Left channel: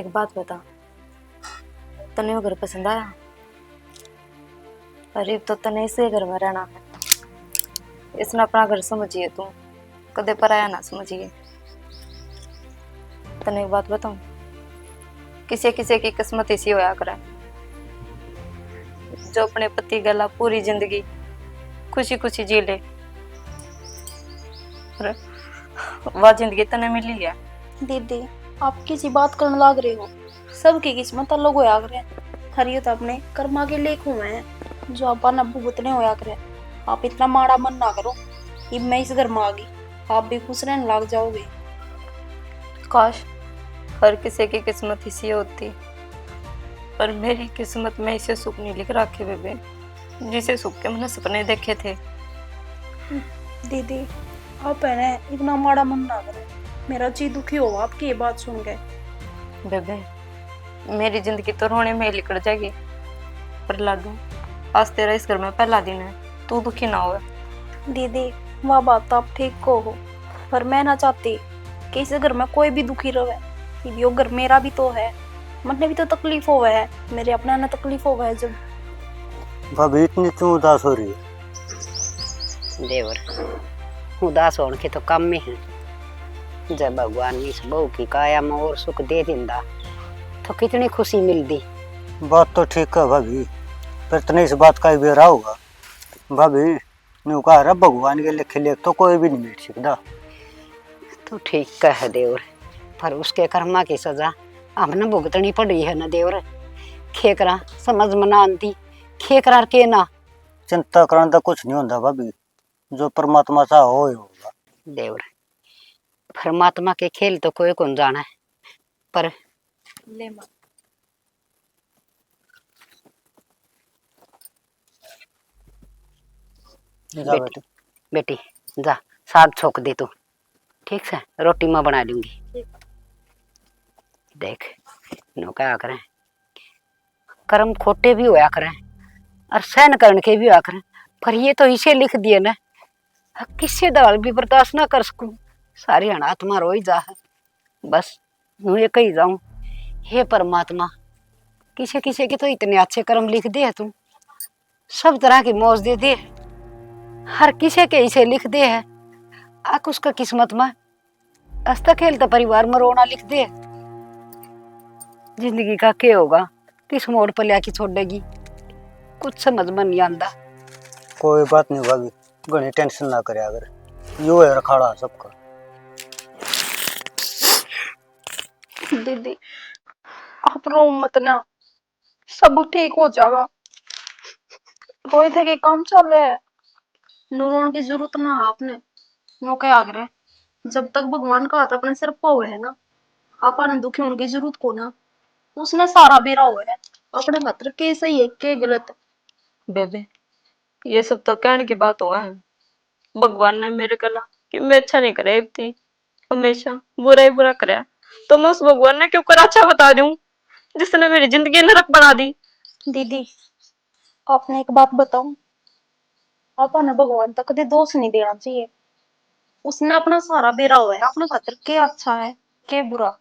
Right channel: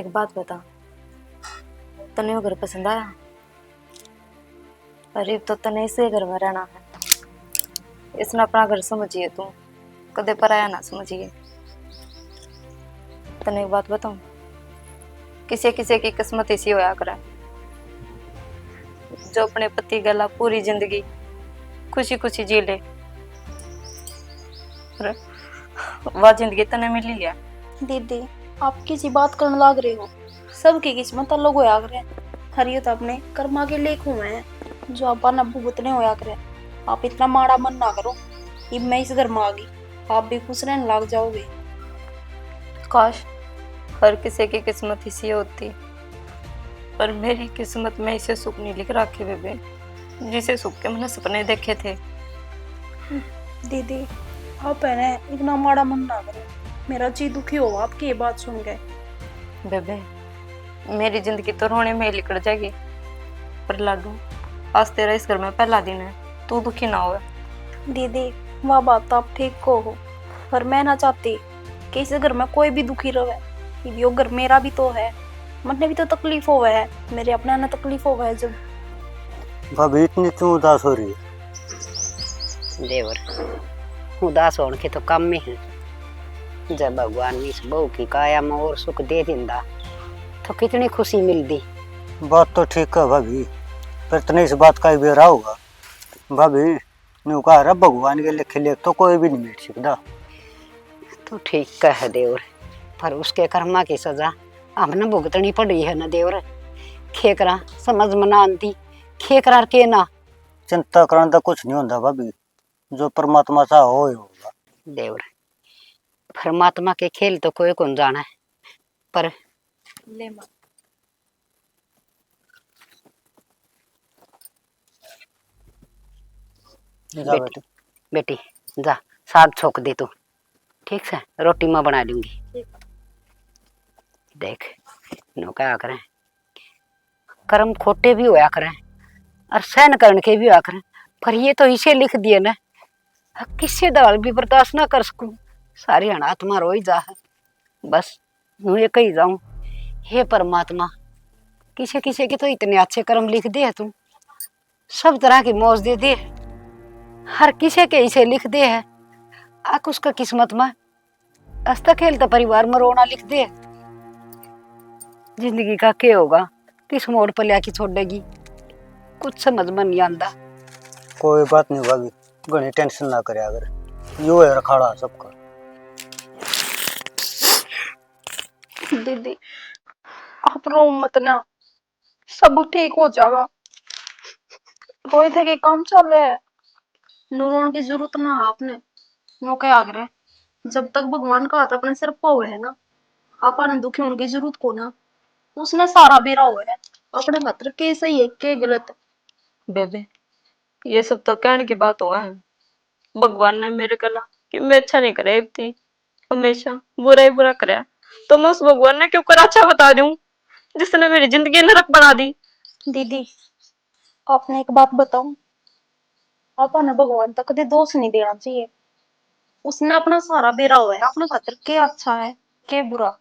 एक बात बता, तने वो घर पसंद आया? अरे तो तने इसे घर में रहना है, इसने अपना घर समझिए, तू कदे पराया ना समझिए। तने एक बात बताऊं, किसी किसी की किस्मत ऐसी होया करे जो अपने पति गला पूरी जिंदगी खुशी खुशी जी ले। और वह जिंदगी तने मिली है। दीदी, आप किसी बात करने लाग रहे हो। सबकी किस्मत अलग होया करे। हर ये तो अपने कर्मा के लेख हुए हैं जो आपा न भुगतने होया करे। आप इतना माड़ा मन ना करो। अब मैं इस घर में आ गई, आप भी खुश रहने लग जाओगे। काश हर किसी की किस्मत इसी होती, पर मेरी किस्मत में इसे सुख नहीं लिख रखे बेबे, जिसे सुख के मैंने सपने देखे थे। दीदी, आप है ना इतना माड़ा मन ना करो। मेरा जी दुखी हो आपकी ये बात सुन के। बेबे मेरी जिंदगी तो रोने में ही निकल जाएगी, पर लाडू आज तेरा इस घर में पहला दिन है, तू दुखी ना हो। दीदी, वह बात तो आप ठीक को हो, पर मैं ना चाहती कि इस घर में कोई भी दुखी रहे। यो घर मेरा भी तो है, मरने भी तो तकलीफ हो है, मेरे अपना ना तकलीफ हो है। जब भाभी इतनी क्यों उदास हो रही है? देवर उदास होने के तो कम में है। जब भगवान ने इस बहू की काया में और सुख दे दिंदा तो कितनी खुशी मिलती। बात तो ठीक है भाभी, पर तने इस बात का बेरा होगा। भाभी न्यू कहा रहा भगवान के लिखे लेख तो कोई भी नहीं मिट सकता। तो ठीक कह देवर, पर उसके कर्मा की सजा हमने भुगतनी पड़ी है ना देवर। खेकरा समझ में ना आती, खेकरा के ना। चिंता करने का कुछ नहीं होता भाभी, जो परमात्मा चाह हो ही होगा। देवर परमात्मा के खेल तो कोई कौन जाना है, पर ले मां, जा बेटी। बेटी जा साग छोक दे तू, ठीक से रोटी मैं बना दूंगी। देख नो क्या करें, कर्म खोटे भी होया करें और सहन करने के भी होया करें, पर ये तो इसे लिख दिए ना, किससे दवाल भी बर्दाश्त ना कर सकूं। सारी अनाथ मां रो ही जा है। बस यूं ये कही जाऊं, हे परमात्मा किसे किसे के तो इतने अच्छे कर्म लिख दे है तू, सब तरह की मौज दे दे, हर किसे के इसे लिख दे है। आक उसका किस्मत में हंसता खेलता परिवार में रोना लिख दे। जिंदगी का क्या होगा, किस मोड़ पर लिया छोड़ेगी, कुछ समझ में नहीं आंदा। कोई बात नहीं भाभी, घनी टेंशन ना करे, अगर यो है रखाड़ा सबका। दीदी आप रो मत ना, सब ठीक हो जाएगा। रोए थे कि काम चल रहा है, रोने की जरूरत ना है आपने। वो क्या आग्रह, जब तक भगवान का हाथ अपने सिर पर है ना, आपने दुखी होने की जरूरत को ना। उसने सारा बेरा हुआ है अपने खातर, के सही है के गलत। बेबे ये सब तो कहने की बात हुआ है, भगवान ने मेरे गला कि मैं अच्छा नहीं करे थी, हमेशा बुरा ही बुरा करे, तो मैं उस भगवान ने क्यों कर अच्छा बता दूं जिसने मेरी जिंदगी नरक बना दी। दीदी, आपने एक बात बताऊं, आपने भगवान तक कभी दोष नहीं देना चाहिए। उसने अपना सारा बेरा हुआ है अपने खातर, के अच्छा है के बुरा।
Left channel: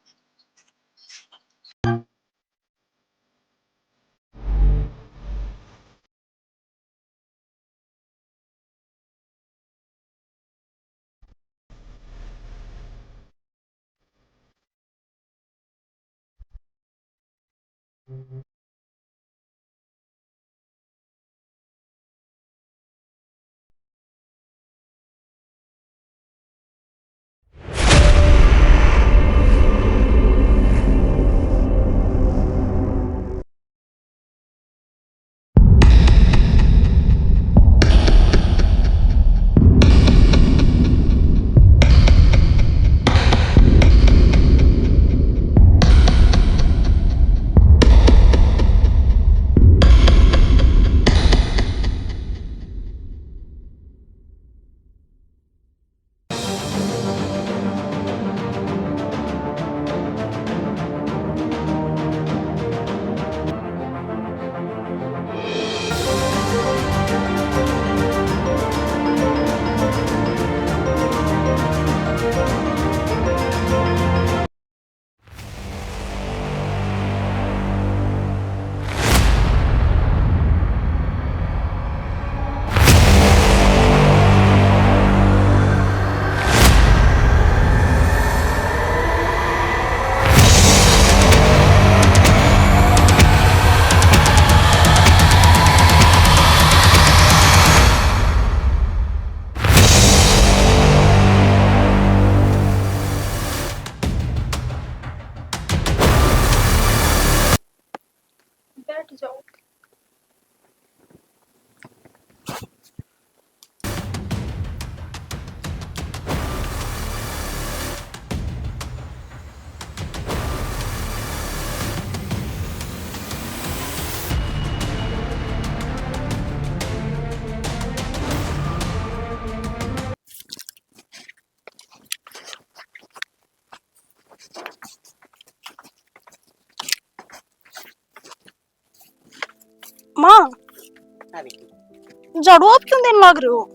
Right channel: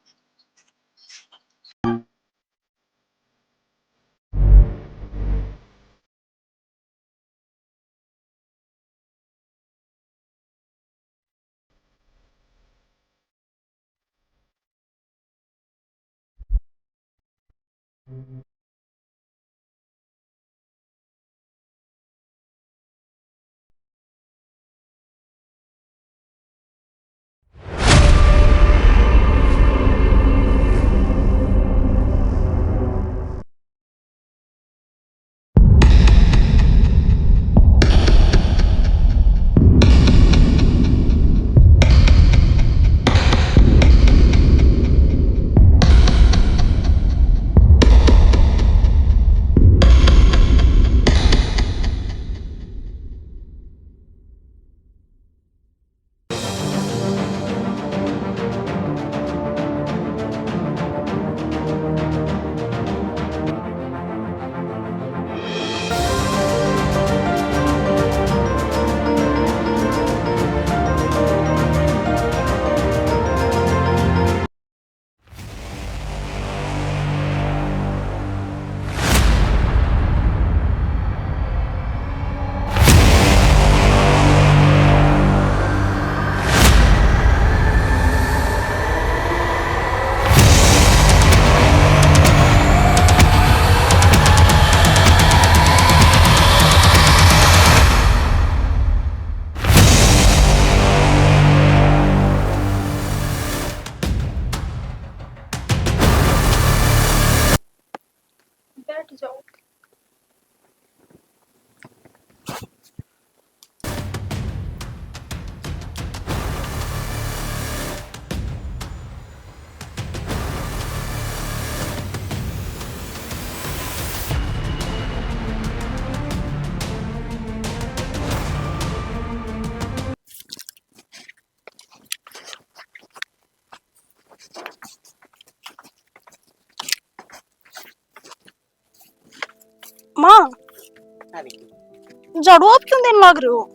झाड़ू आप क्यों देने लग रहे हो?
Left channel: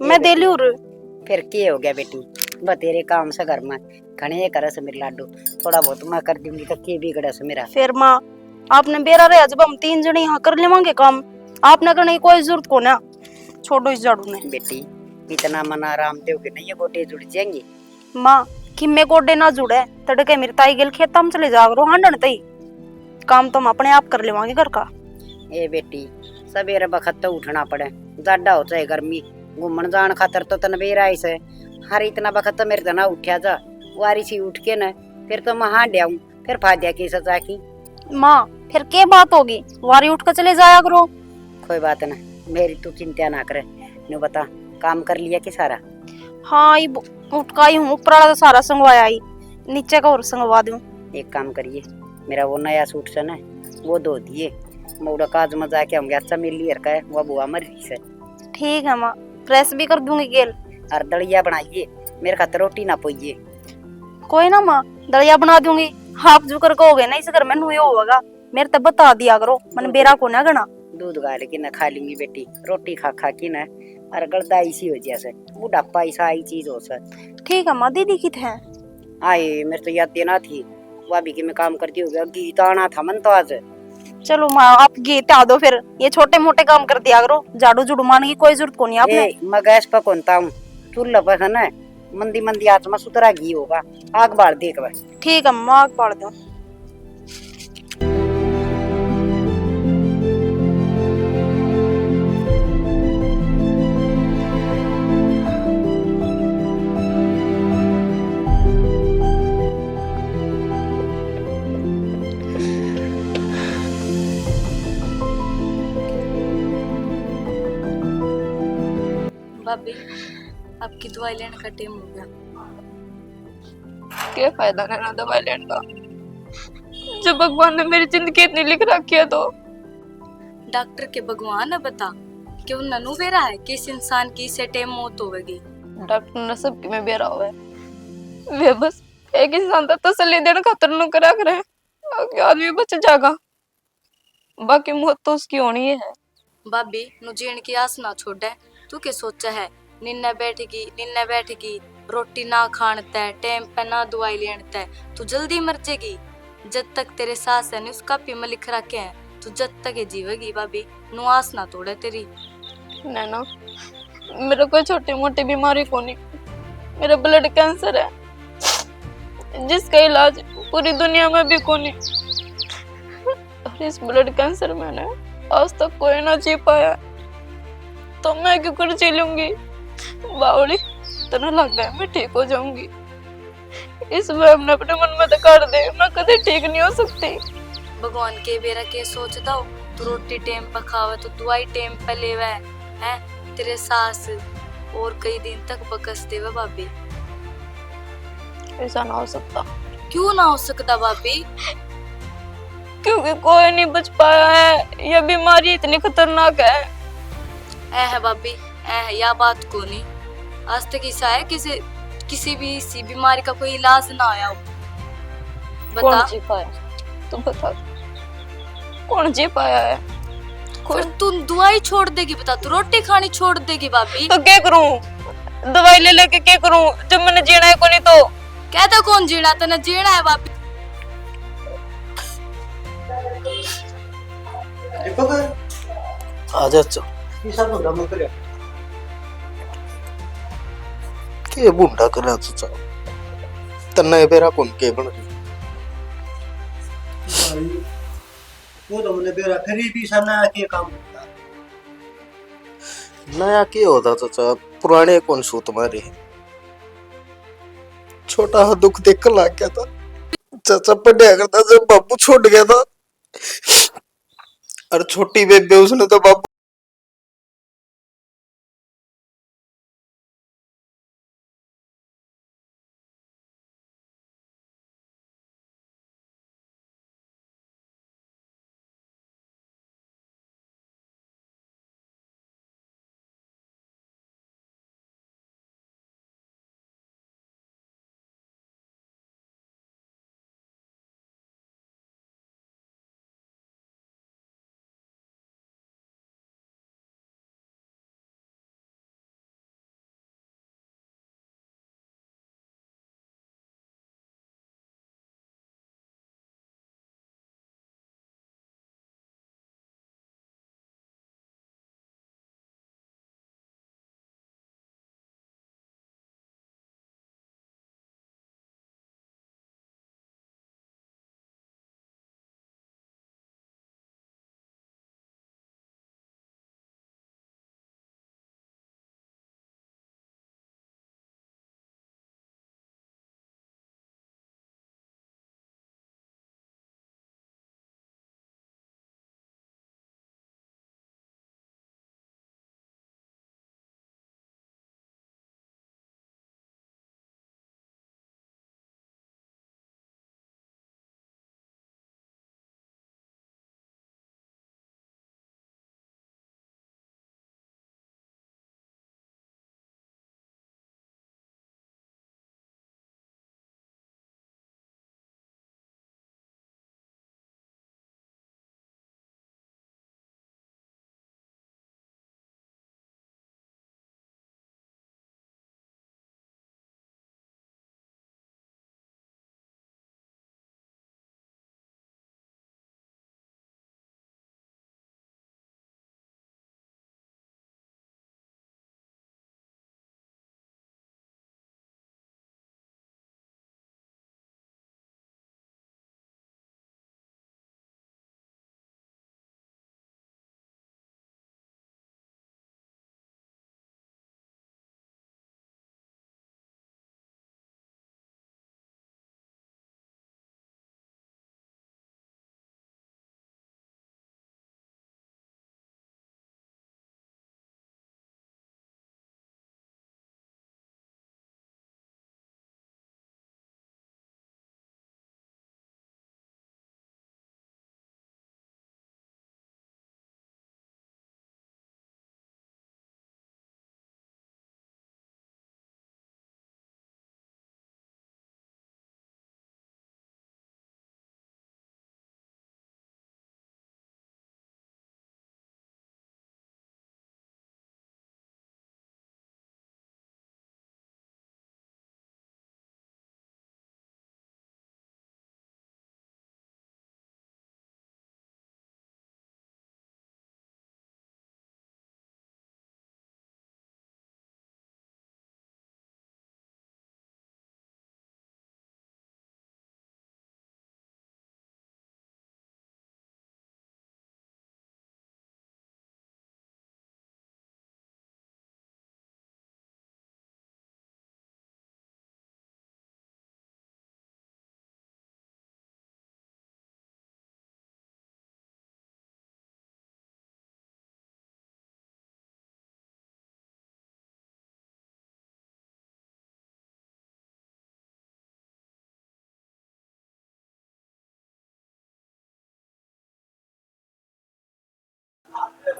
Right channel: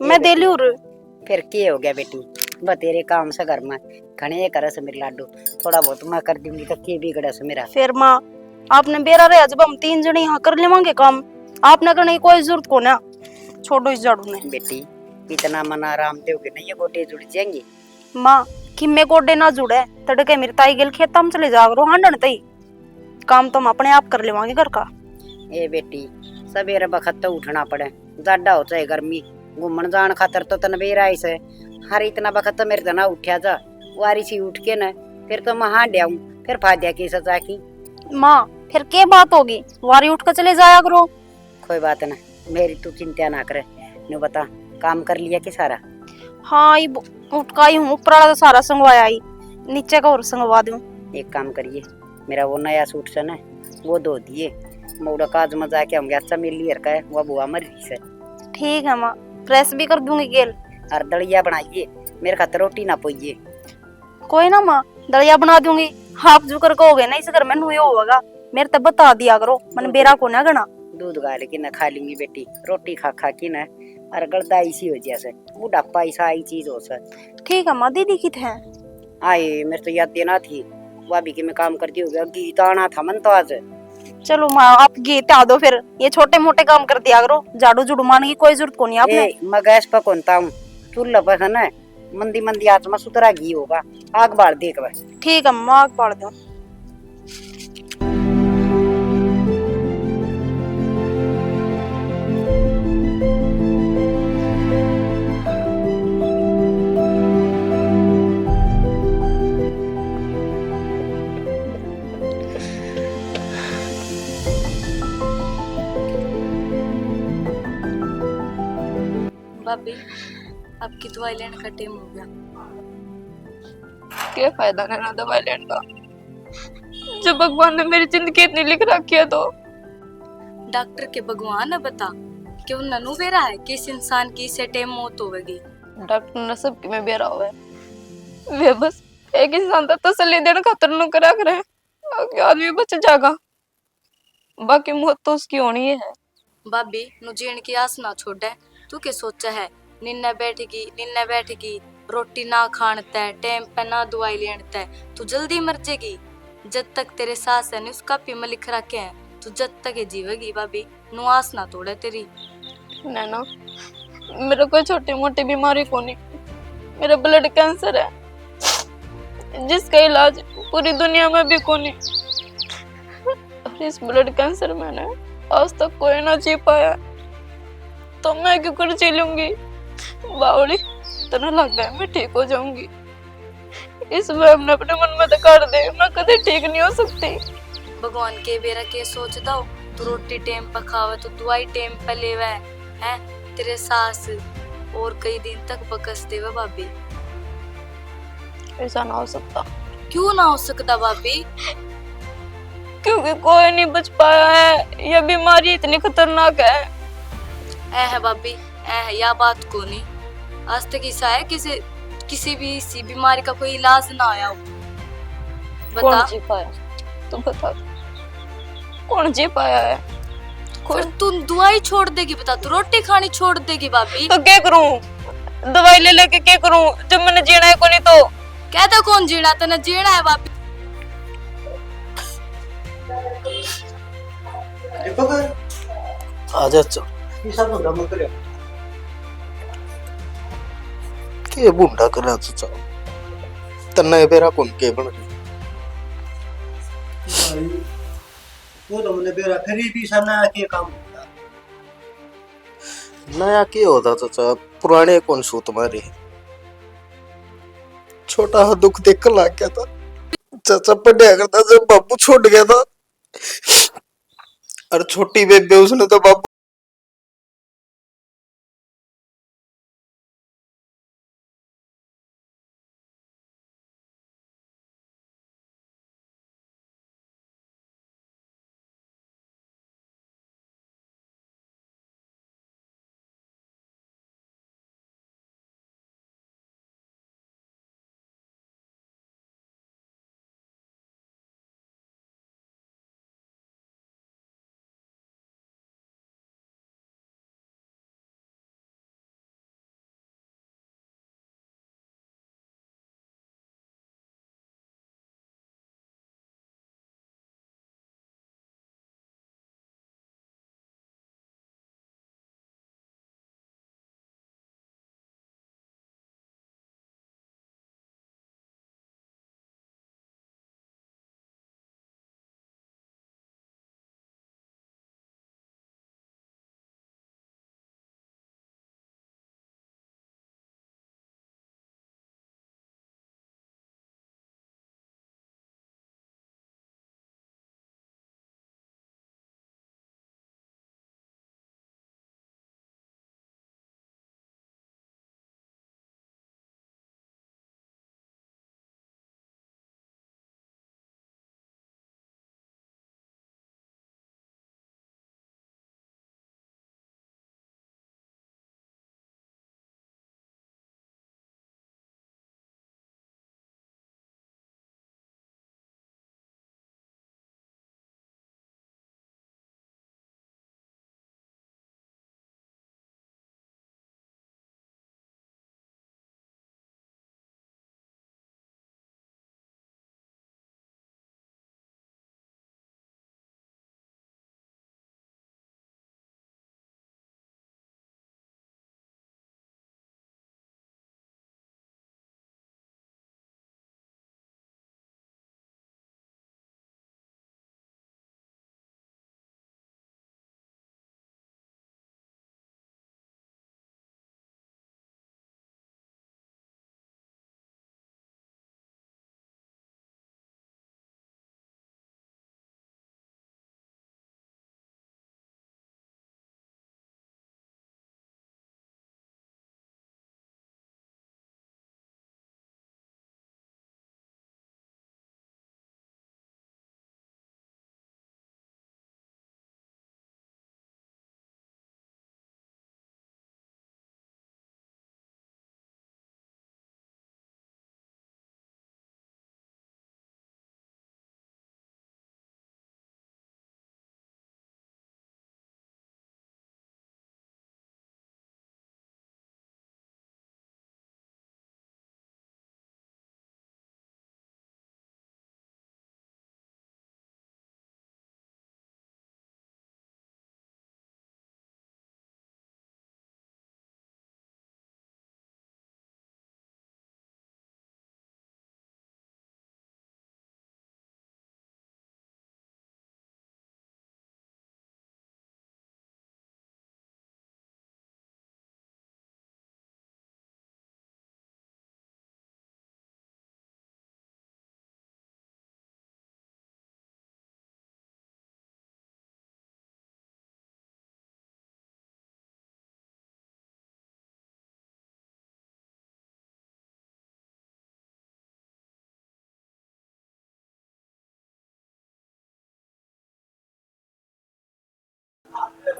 मैं दे लियो रे। फिर के हो गया बेटी, बस तेरे काम से घर में घने करे से मेरे लाडू, थोड़ा बहुत मैं कर दूंगी तो के बिगड़े से मेरा। फिर माँ आपने बेरा रहे जब हम 3 जने यहाँ कर लेवांगे काम, आपने करने की कोई जरूरत को ना। छोड़ो इस झाड़ू ने। बेटी इतना मन आराम दोगे नहीं, ये गोटे जुड़ जाएंगे। माँ कि मैं गोडे ना जुड़े तड़के मेरी ताई गेल खेत में चले जागरो हांडन तई, काम तो हम अपने आप कर लेवांगे घर का। ए बेटी सवेरे बखत तो उठना पड़े, ज्यादा हो चाहे गर्मी, घूमन जान खातर तो तन बेरा ऐसे हर इतना बखत तो मेरे तना उठा जा, वारी सी उठ के न फिर तो मैं हां डाऊं, फिर फायदा की सजा की। माँ फिर क्या बात होगी, वारी उठ कर चले जाया करो। कोई बात ना, मेरी तू चिंता ना करे। नु बता काम कर लिया कि सारा? हाँ ये उठकाई हूँ, ऊपर वाला तो सारा संगवाया ही, नीचे का और संगवा दूं। एक काम करिए, मेरा वो नया सूट से ना वो धो दिए, मोड़ा काज में जाके होंगे अच्छा मिल लिया का है, वो बुआ मर रही से। ठीक है माँ, प्रेस भी कर दूंगी गेल। और दलिया बनाइए, मेरे खातर रोटी ना पोइए। कोई ना माँ, दलिया बना दूंगी। आप जो कर कहोगे ना इस घर में नुयो होगा, मेरे तब बता दिया करो, मन बेरा को ना गना। दूध गाल के न खा लूंगी बेटी, रोटी खा खा के न और गलदा इसी हो जैसे बुढ़ापा ऐसा आई चीज हो सर। ठीक है माँ, दीदी कित है? आए मेरे तो याद देना थी, भाभी की मैं काम करती हो गया, गीत आना था मन तो आज। चलो माँ आप गीत आ दो, फिर ये छोटे मोटे काम कर दिया करो, झाड़ू झुड़ू मारने की कोई जरूरत को नहीं आपने। मैं गैस पर कौनता हूँ, चूल्हा पर है ना, मंदी मंदी आंच में सुतरा घी होगा, आग बाढ़ देख बस। ठीक है माँ, आग बाढ़ दो। भाभी आपकी दवाई लेने का टाइम हो गया। क्या फायदा लेना दवाई लेने का, जब भगवान ने मेरी जिंदगी इतनी लिख रखी है तो। डॉक्टर के भगवान है बता क्यों ननु बेरा है कि इस इंसान की इसे टाइम मौत होगी। डॉक्टर ने सबकी में बेरा हुआ है, वे बस एक इंसान तक तसल्ली देने खातर नु करा करे कि आदमी बच जाएगा, बाकी मौत तो उसकी होनी है। भाभी नु जीण की आस ना छोड़े, तू क्या सोचा है निन्ने बैठेगी रोटी ना खानते टाइम पे ना दवाई लेनते, तू जल्दी मर जाएगी। जब तक तेरे सास है उसका भी में लिख रखे हैं, तू जब तक ये जीवेगी भाभी, नु आस ना तोड़े तेरी। नैना मेरा कोई छोटी मोटी बीमारी को नहीं, मेरा ब्लड कैंसर है जिसका इलाज पूरी दुनिया में भी को नहीं, और इस ब्लड कैंसर में ना आज तक कोई ना जी पाया, तो मैं क्यों कर जी लूंगी। बावड़ी तना लग गया मैं ठीक हो जाऊंगी, इस वहम ने अपने मन में कर दे मैं कभी ठीक नहीं हो सकती। भगवान के बेरा के सोच दो, तू रोटी टाइम पर खावे तो दवाई टाइम पर लेवे है, तेरे सास और कई दिन तक बकस देवे भाभी। ऐसा ना हो सकता। क्यों ना हो सकता भाभी? क्योंकि कोई नहीं बच पाया है, यह बीमारी इतनी खतरनाक है। है भाभी या बात को नहीं, आज तक ऐसा है किसी भी इसी बीमारी का कोई इलाज ना आया हो। बता कौन जी पाया, तू बता कौन जी पाया है? फिर तू दवाई छोड़ देगी, बता तू रोटी खानी छोड़ देगी भाभी? तो क्या करूं, दवाई ले लेके क्या करूं जब मैंने जीना है को नहीं तो? कहता कौन जीना, तने जीना है भाभी। आजा चल सब ड्रामा करे के बुंडा कर चाचा तन्ना बेरा कौन के बन रही भाई, वो तो मैंने बेरा फिर भी सना के काम होता नया के होता चाचा, पुराने कौन सो तुम्हारे छोटा सा दुख देख कर लाग गया था चाचा, पढ़िया करता जब बाबू छोड़ गया था, और छोटी बेबे उसने तो बाबू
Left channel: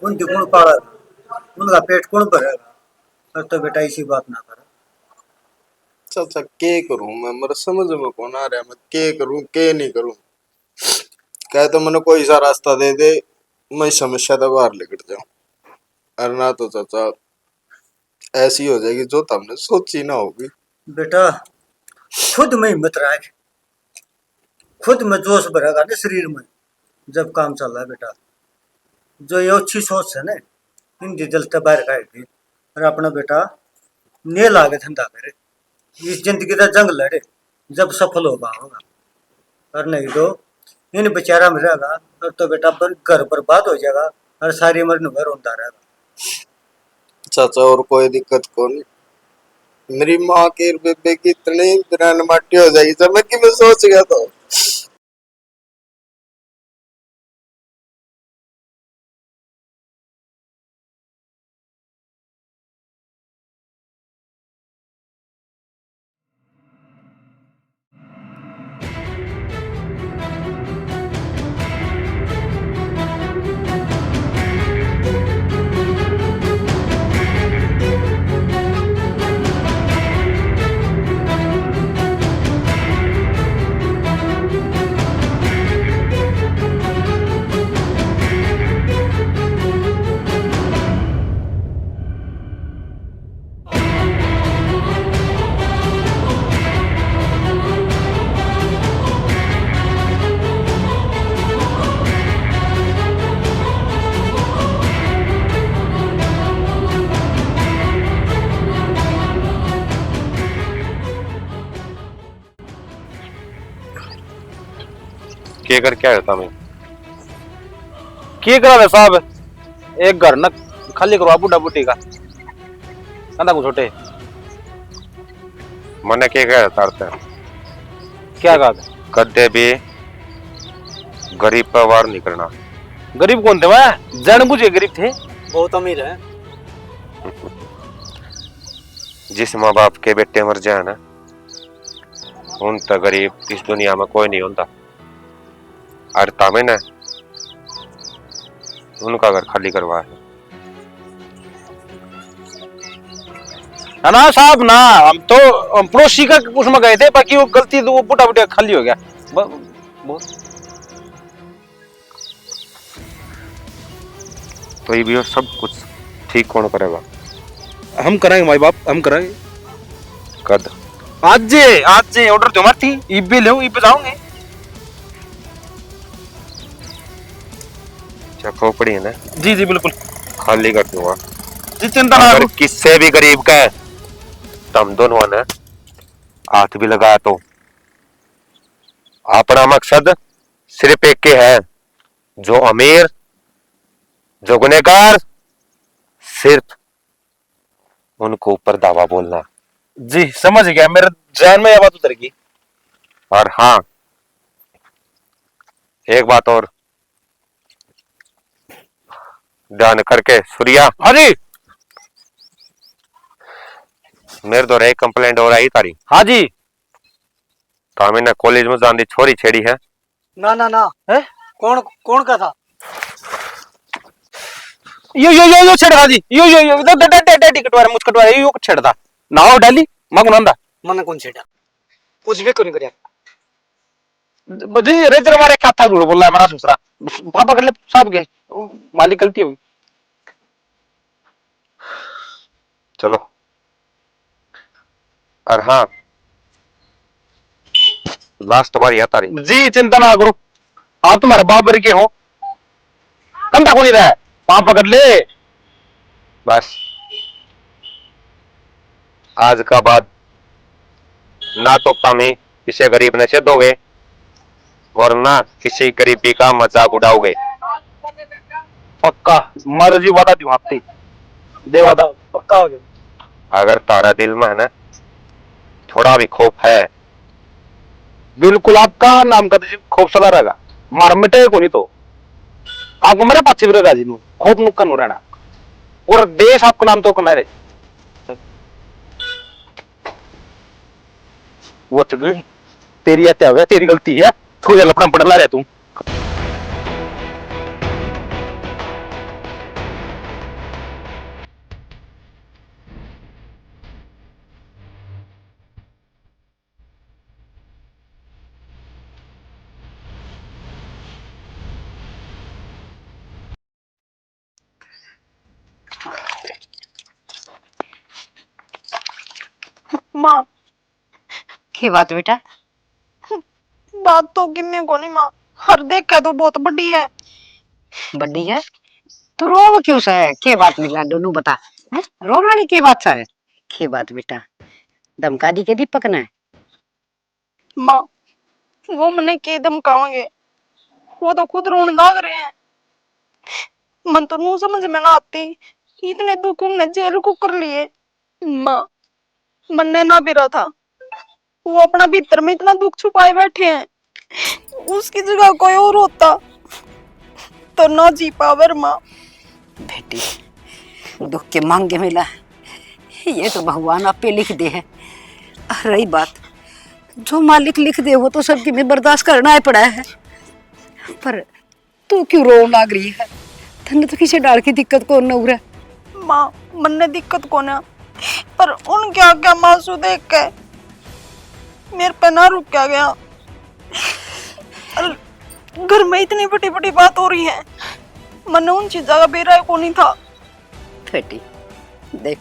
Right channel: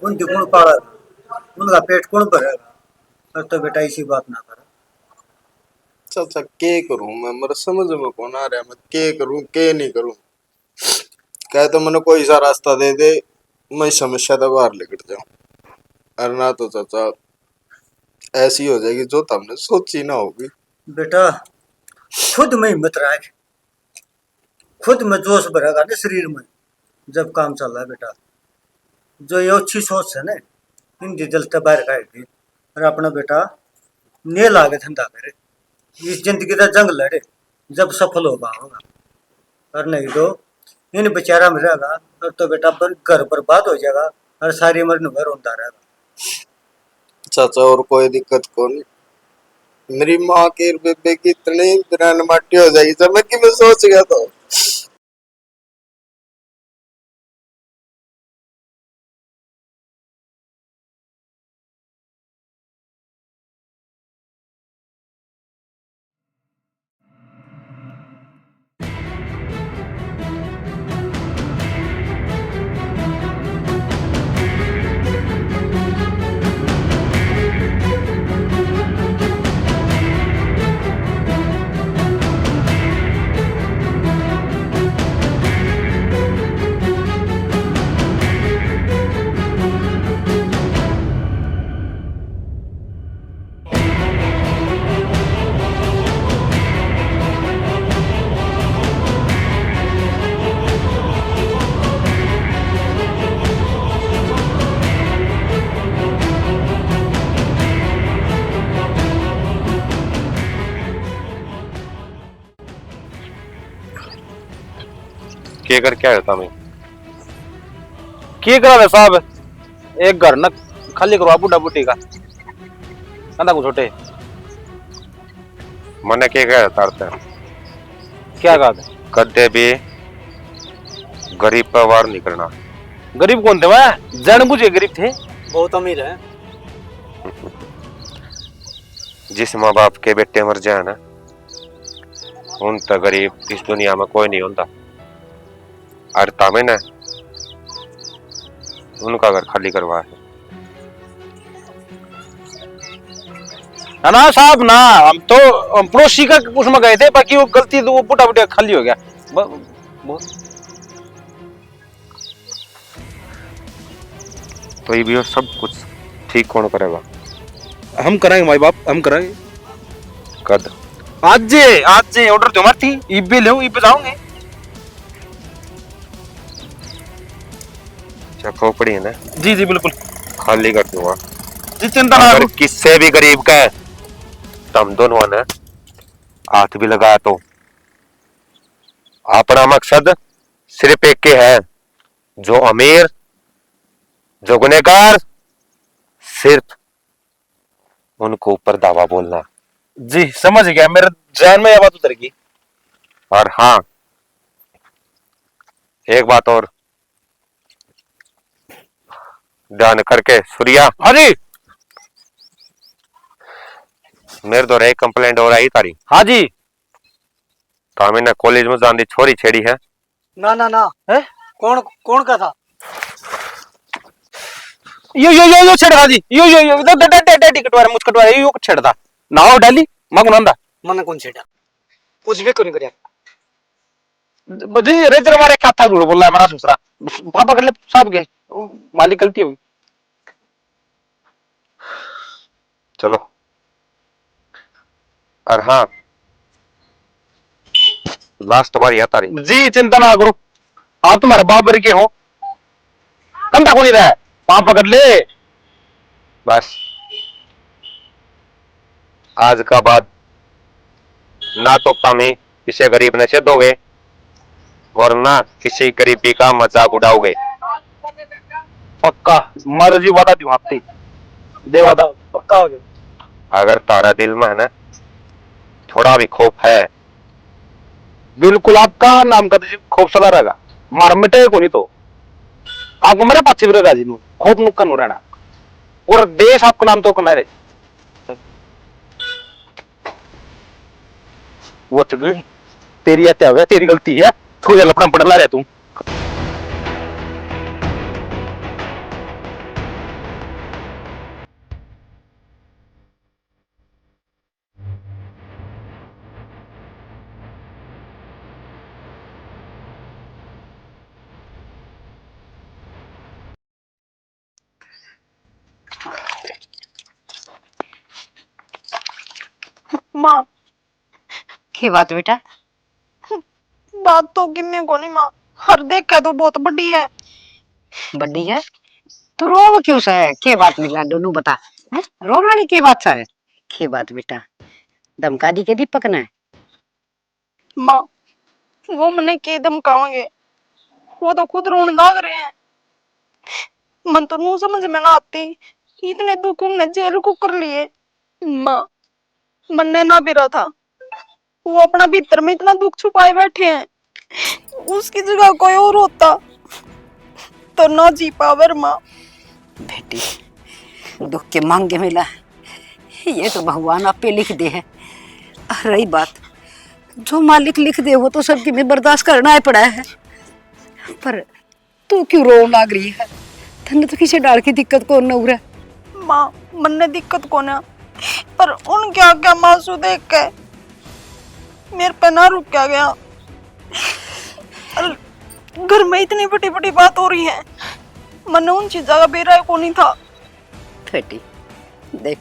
उनकी कौन पालेगा, उनका पेट कौन भरेगा। और तो बेटा इसी बात ना कर। चाचा के करूं मैं, मेरे समझ में कौन आ रहा है, मैं के करूं के नहीं करूं। कहे तो मैंने कोई सा रास्ता दे दे, मैं इस समस्या से बाहर निकल जाऊं। अरे ना तो चाचा ऐसी हो जाएगी जो तुमने सोची ना होगी। बेटा खुद में हिम्मत रख, खुद में जोश भरेगा ना शरीर में जब काम चल रहा है बेटा। जो ये अच्छी सोच है ना, इनकी दिल से बाहर खाएगी। और अपना बेटा ने लागे धंधा करे, इस जिंदगी का जंग लड़े, जब सफल होगा होगा। और नहीं तो इन बेचारा में रहेगा और तो बेटा घर बर्बाद हो जाएगा और सारी उम्र निर्भर होता रहेगा। चाचा और कोई दिक्कत को नहीं, मेरी माँ के बेबे की इतनी बिरान माटी हो जाएगी जब मैं सोच गया था। के कर क्या होता मैं की करा साहब, एक घर न खाली करवा बुढ़ा बुढ़ी का कंधा को छोटे। मने के क्या तारते क्या कहा था? कदे भी गरीब परिवार नहीं करना। गरीब कौन थे वह? जान बुझे गरीब थे। बहुत अमीर है। जिस माँ बाप के बेटे मर जाए ना, उन तक गरीब इस दुनिया में कोई नहीं होता। और तामे ने उनका घर खाली करवा है। ना साहब ना, हम तो पड़ोसी का उसमें गए थे, बाकी वो गलती तो वो बुढ़ा बुढ़िया खाली हो गया। तो ये भी सब कुछ ठीक कौन करेगा? हम कराएंगे माई बाप, हम कराएंगे। कद आज ऑर्डर जो मारती इबे ले इबे जाओगे। क्या खोपड़ी है ना? जी जी बिल्कुल खाली कर दूंगा। जी चिंता ना अगर करो। किससे भी गरीब का है, तुम दोनों ने हाथ भी लगाया तो अपना मकसद सिर्फ एक के है, जो अमीर जो गुनहगार, सिर्फ उनको ऊपर दावा बोलना। जी समझ गया, मेरे जान में यह बात उतर गई। और हाँ, एक बात और ध्यान करके सूर्या। हाँ जी। मेरे द्वारा एक कंप्लेंट हो रही तारी। हाँ जी। तो मैंने कॉलेज में जान दी छोरी छेड़ी है। ना ना ना है? कौन कौन का था? यो छेड़ा जी, यो डैडी कटवा मुझ कटवा यो छेड़ा नाव डाली मग नंदा मन कौन छेड़ा? कुछ भी क्यों नहीं कर जी रेजर मारे खाता गुड़ बोला हमारा दूसरा पापा कर ले सब गए, मालिक गलती हुई। चलो। और हाँ, लास्ट बार या तारी। जी चिंता ना करो, आप तुम्हारे बाबर के हो, कंधा को नहीं रहा है, पाप पकड़ ले बस आज का बाद ना तो तुम्हें किसी गरीब ने दोगे और ना किसी गरीबी का मजाक उड़ाओगे। पक्का मर्जी वादा दी आपती दे वादा पक्का हो गया। अगर तारा दिल में है ना थोड़ा भी खौफ है, बिल्कुल आपका नाम का खोफ सला रहेगा, मार मिटे को नहीं तो आपको मेरे पास रहेगा जी, खोफ नुक्कन हो रहना और देश आपका नाम तो कमा रहे। वो चुकी तेरी हत्या हो गया, तेरी गलती है, थोड़ी लपड़ा पड़ रहा है तू। माँ की बात बेटा? बात तो किन्ने को नहीं माँ, हर देख के तो बहुत बड़ी है। बड़ी है तो रो क्यों सा है? के बात निकला दोनों बता है? रो वाली के बात सा है? के बात बेटा? धमका दी के दीपक ने? माँ वो मने के धमकावेंगे, वो तो खुद रोने लग रहे हैं। मन तो नू समझ में ना आती, इतने दुख उनने जेल को कर लिए। माँ मन ने ना भी रहा था, वो अपना भीतर में इतना दुख छुपाए बैठे हैं, उसकी जगह कोई और होता तो ना जी पावर। माँ बेटी दुख के मांगे मिला, ये तो भगवान आपे लिख दे है। रही बात जो मालिक लिख दे वो तो सबकी में बर्दाश्त करना ही पड़ा है। पर तू क्यों रो लाग रही है? तन्ने तो किसी डाल की दिक्कत को न उरे। माँ मन ने दिक्कत को ना, पर उन क्या क्या मासू देख के मेरे पे ना रुक क्या गया। घर में इतनी बड़ी बड़ी बात हो रही है, मन उन चीजों का बेरा को नहीं था। बेटी देख,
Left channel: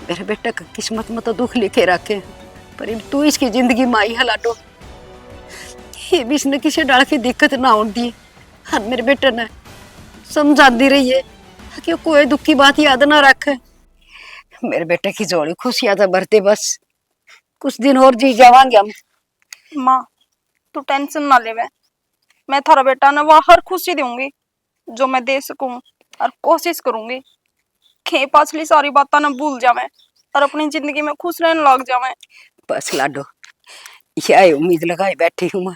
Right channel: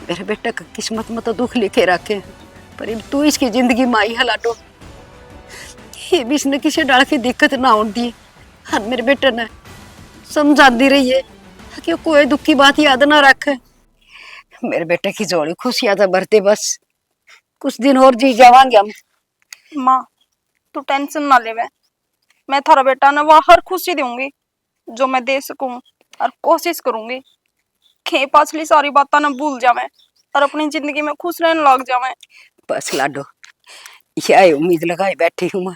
मेरे बेटा का किस्मत में तो दुख लिखे रखे, पर अब तू इसकी जिंदगी में आई हलाटो, ये भी इसने किसी डाल की दिक्कत ना होने दी। हाँ मेरे बेटे ने समझाती रही है कि कोई दुख की बात याद ना रखे। मेरे बेटे की जोड़ी खुशियां तो भरते, बस कुछ दिन और जी जावांगे हम। माँ तू टेंशन ना ले, मैं थारा बेटा ना वह हर खुशी दूंगी जो मैं दे सकूं, और कोशिश करूंगी कि पाछली सारी बातें ना भूल जावे और अपनी जिंदगी में खुश रहने लग जावे। बस लाडो यही उम्मीद लगाई बैठी हूँ मैं,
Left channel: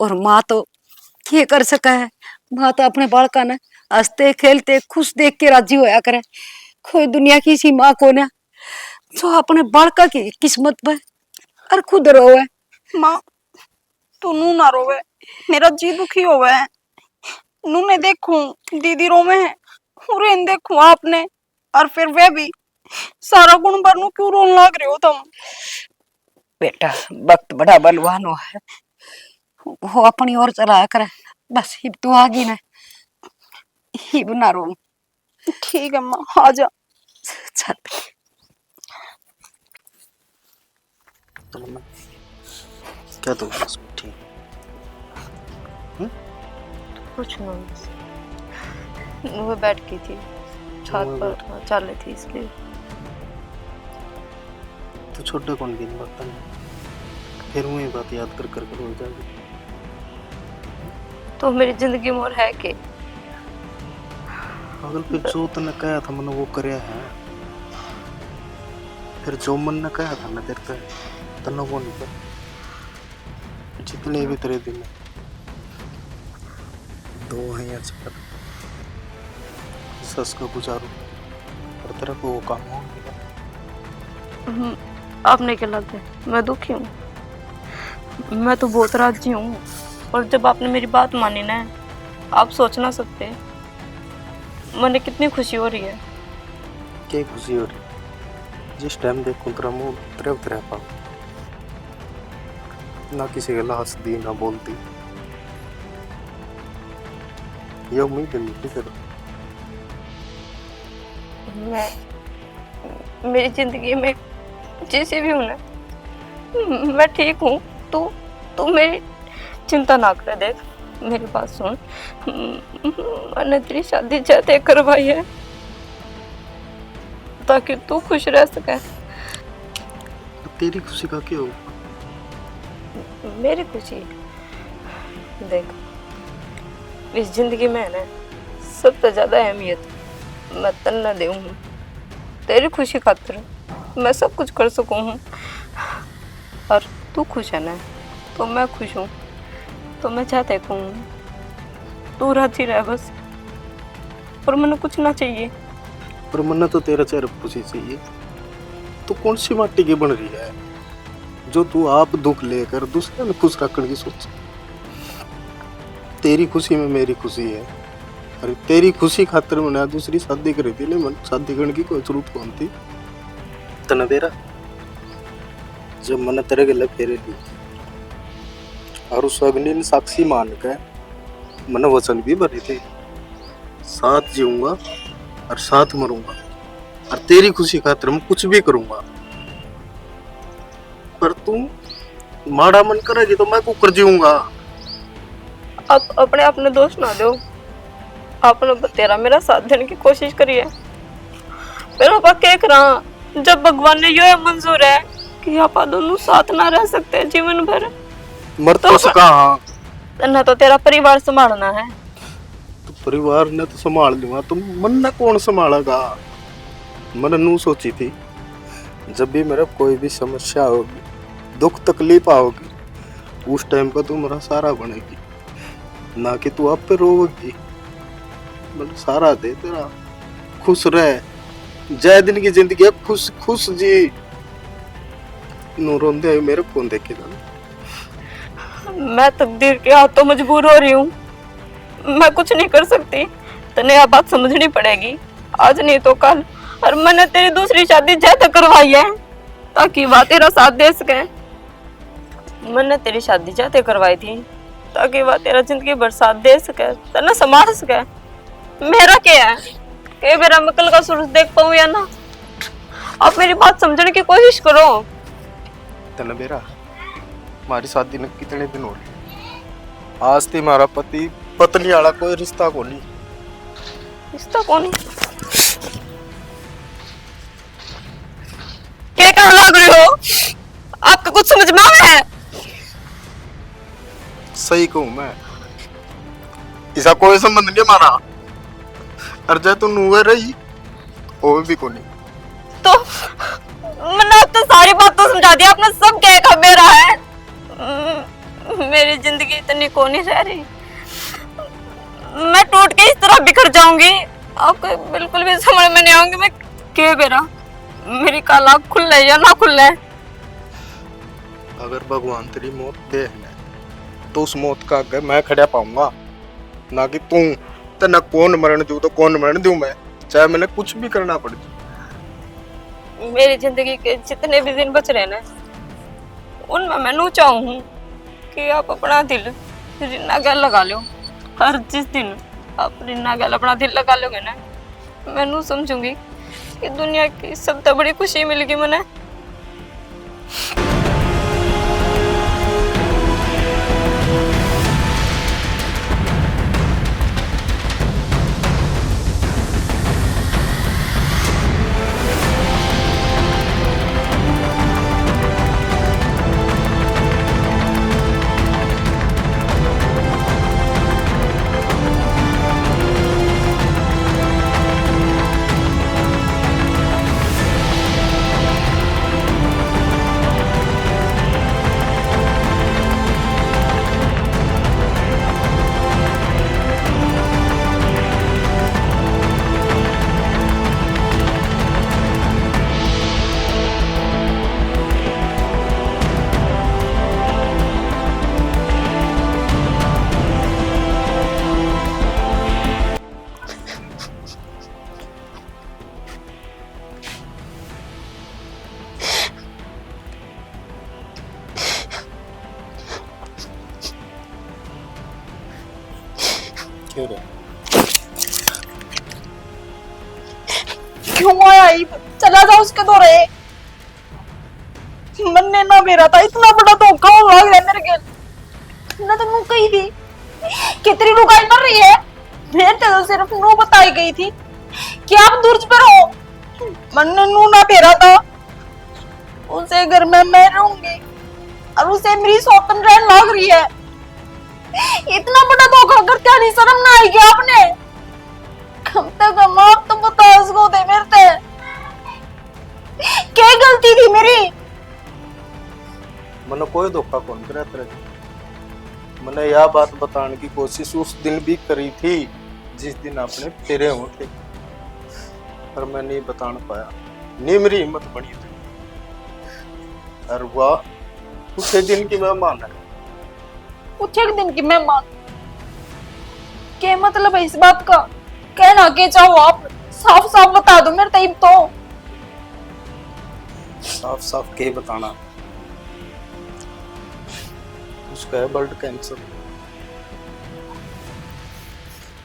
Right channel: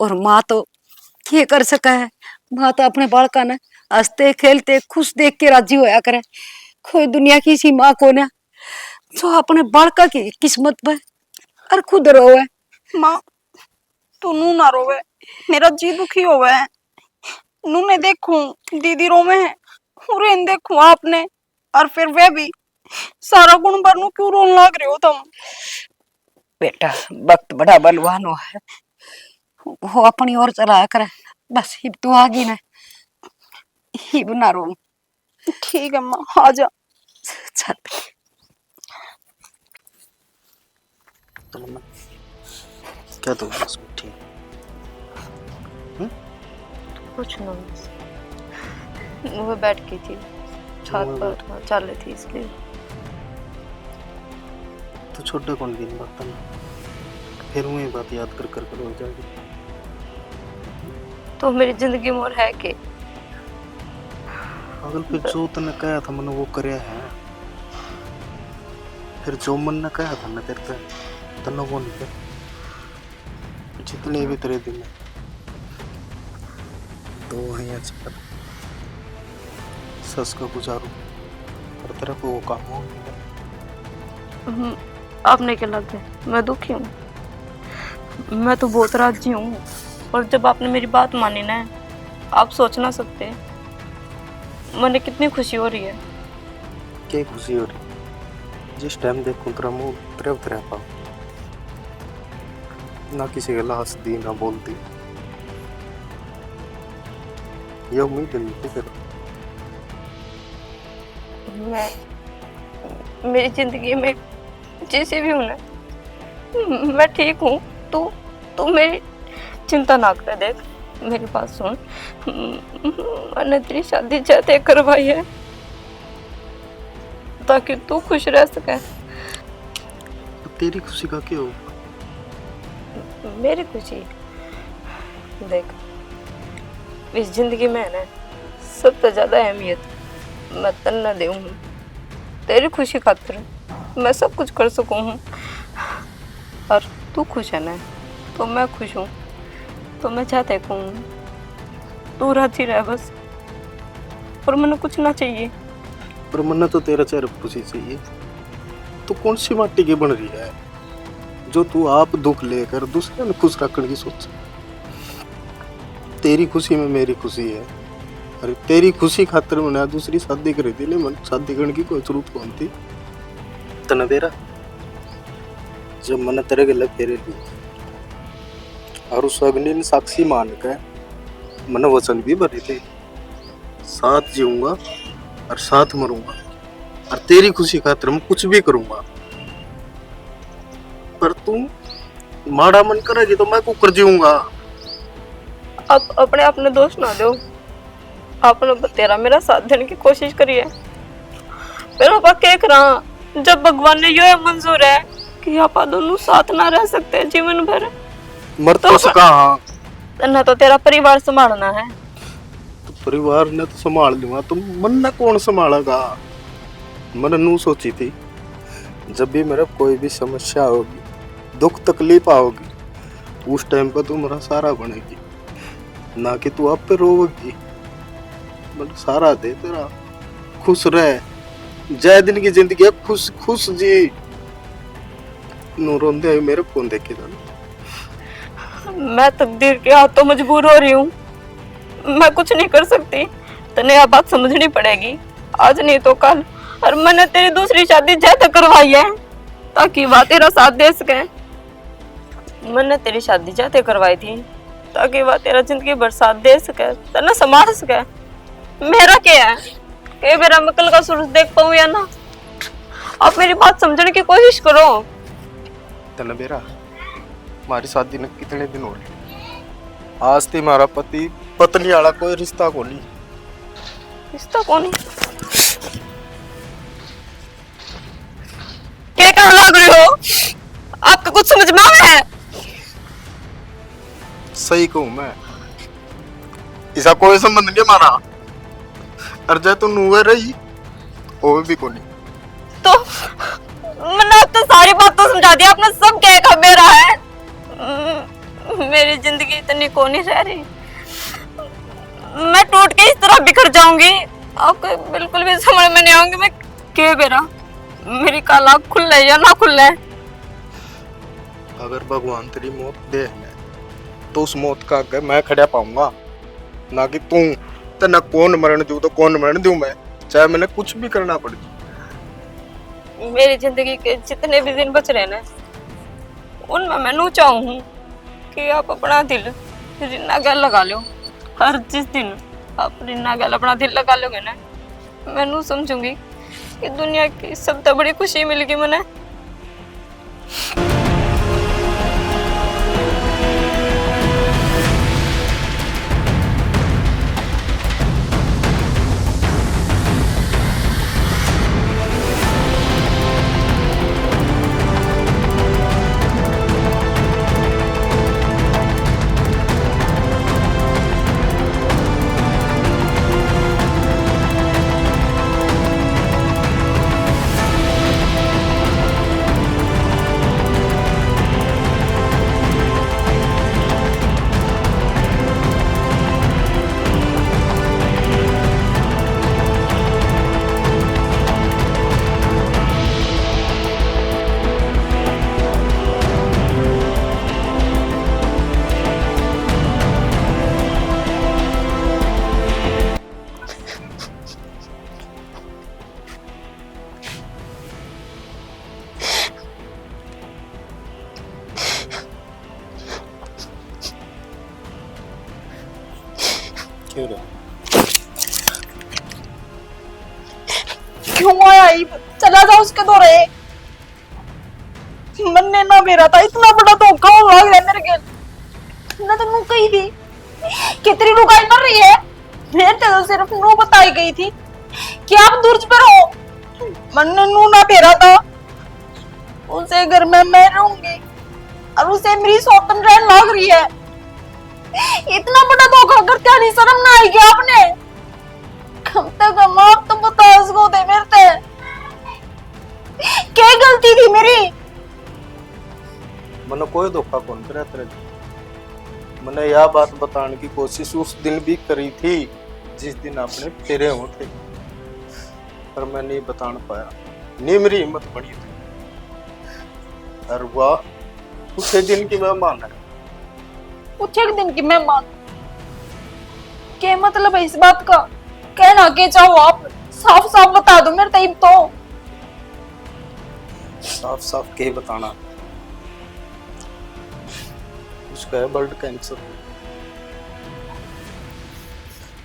और माँ तो क्या कर सका है? माँ तो अपने बालका ने हंसते खेलते खुश देख के राजी होया करे। कोई दुनिया की सी माँ को ना जो अपने बालका की किस्मत पे और खुद रोवे। माँ तू नू ना रोवे, मेरा जी दुखी होवे है। नू ने देखूं दीदी रोवे है, उरे देखूं आपने, और फिर वे भी सारा गुण भर नू क्यों रोन लग रहे हो तुम? बेटा वक्त बड़ा बलवान हुआ है, वो अपनी ओर चलाया करे। बस हिब तू आगी ना, हिब ना रो। ठीक है माँ, आजा। चल क्या तो बस ठीक। कुछ ना, वो बैठ गई थी छत पर, हाँ, चल रही थी इसलिए। तो छोटा कौन दिन बात फिर वही बात याद कर कर हो जाएगी। तो मेरी जिंदगी में और है के? अगल फिर जो तने कहा था मैंने वो करया है, फिर जो मन ने कहा था ना तेरे पे तने वो नहीं कर। जितने भी तेरे दिन दो हैं या चार, सस का गुजारो और तेरा को वो काम हो नहीं। आपने क्या लगता है मैं दुखी हूँ? मैं तो बहुत राजी हूँ, और जब आपने मेरी बात मानी ना, आप सोच ना सकते मैंने कितनी खुशी हो रही है। क्या खुशी हो रही? जिस टाइम देखूं तेरा मुंह तेरे तेरे पाओ, ना किसी के लाश दी ना बोलती, ये उम्मीद नहीं थी तेरा। मैं मेरी जिंदगी में जैसे भी हूँ ना, मैं ठीक हूँ। तू मेरी चिंता ना कर। देख मेरी बात सुन, मैंने तेरी शादी चाहते करवाई है ताकि तू खुश रह सके। तो तेरी खुशी का क्या होगा? मेरी खुशी देख, इस जिंदगी में है ना, सबसे ज्यादा अहमियत मैं तन्ने दे हूँ। तेरी खुशी खातिर मैं सब कुछ कर सकूँ हूँ, और तू खुश है ना तो मैं खुश हूँ। तो मैं चाहते हूँ तू राजी रह बस, और मैंने कुछ ना चाहिए। पर मन्ना तो तेरा चेहरा खुशी चाहिए। तो कौन सी माटी की बन रही है जो तू आप दुख लेकर दूसरे ने खुश रखने की सोच? तेरी खुशी में मेरी खुशी है, अरे तेरी खुशी खातिर मैंने दूसरी शादी करी थी, मन शादी करने की कोई जरूरत कौन थी? तना तेरा जब मैंने तेरे गले फेरे ली और उस अग्नि ने साक्षी मान कर मैंने वचन भी भरे थे, साथ जीऊंगा और साथ मरूंगा, और तेरी खुशी खातिर मैं कुछ भी करूंगा। तू माड़ा मन करेगी तो मैं कुकर जीऊंगा। आप अपने आप ने दोष ना दो। आपने तेरा मेरा साथ देने की कोशिश करी है, फिर आप क्या करा जब भगवान ने यो मंजूर है कि आप दोनों साथ ना रह सकते जीवन भर, मर तो सका हाँ, ना तो तेरा परिवार संभालना है। तो परिवार ने तो संभाल लूंगा, तो मन ने कौन संभालेगा। मैंने नू सोची थी जब भी मेरा कोई भी समस्या होगी, दुख तकलीफ आओगी, उस टाइम पर तू मेरा सहारा बनेगी, ना कि तू आप पे रोवेगी। मतलब सहारा दे तेरा, खुश रह, जय दिन की जिंदगी है, खुश खुश जी। नू रोंदे आए मेरे कौन देखेगा। मैं तकदीर के हाथों मजबूर हो रही हूँ, मैं कुछ नहीं कर सकती। तने यह बात समझनी पड़ेगी, आज नहीं तो कल। और मैंने तेरी दूसरी शादी जैसे करवाई है ताकि वह तेरा साथ दे सके। मैंने तेरी शादी जैसे करवाई थी ताकि वह तेरा जिंदगी भर साथ दे सके, तने संभाल सके। मेरा क्या है कि मेरा मैं कल का सूरज देख पाऊं या ना। आप मेरी बात समझने की कोशिश करो। तने बेरा हमारी शादी ने कितने दिन हो गए, आज थी हमारा पति पत्नी वाला कोई रिश्ता को नहीं। रिश्ता कौन है? क्या कहने लग रही हो? आपका कुछ समझ में आ रहा है? सही कहूं मैं, इसका कोई संबंध नहीं हमारा। और जय तू नुए रही वो भी को नहीं। तो मैंने अब तो सारी बात तो समझा दी, आपने सब क्या कहा मेरा है। मेरी जिंदगी इतनी कौन ही रह रही, मैं टूट के इस तरह बिखर जाऊंगी, आपको बिल्कुल भी समझ में नहीं आऊंगी मैं क्या मेरा। मेरी कल आँख खुल या ना खुल। अगर भगवान तेरी मौत दे है तो उस मौत का आगे मैं खड़ा पाऊंगा, ना कि तू। तो ना कौन मरण दूं तो कौन मरण दूं मैं, चाहे मैंने कुछ भी करना पड़ जाए। मेरी जिंदगी के जितने भी दिन बच रहे ना, उनमें मैं नू चाहूँ कि आप अपना दिल रिन्ना गल लगा लो। हर जिस दिन आप रिन्ना गल अपना दिल लगा लोगे ना, मैं नू समझूंगी कि दुनिया की सबसे बड़ी खुशी मिलेगी मैंने। क्यों रे? क्यों आया चला जा उसके दौरे। मन्ने ना मेरा था, इतना बड़ा धोखा हो लग रहा है मेरे के ना। तो नू कही थी कितनी लुगाई कर रही है, मैं तो सिर्फ नू बताई गई थी कि आप दूर पर हो। मन्ने नू ना फेरा था, उसे घर में मैं रहूंगी और उसे मेरी सौतन रहन लग रही है। इतना बड़ा धोखा करके नहीं शर्म ना आएगी आपने। कम तक हम आप तो बता उसको दे मेरे से क्या गलती थी मेरी। मैंने कोई धोखा कौन करा तेरे। मैंने यह बात बताने की कोशिश उस दिन भी करी थी जिस दिन आपने फेरे हो थे, पर मैं नहीं बता पाया, नहीं मेरी हिम्मत बनी थी। और वाह उस दिन की मेहमान है। कुछ एक दिन की मेहमान क्या मतलब है इस बात का? कहना के चाहो आप साफ साफ बता दो मेरे तब तो। साफ साफ के बताना, उसका है ब्लड कैंसर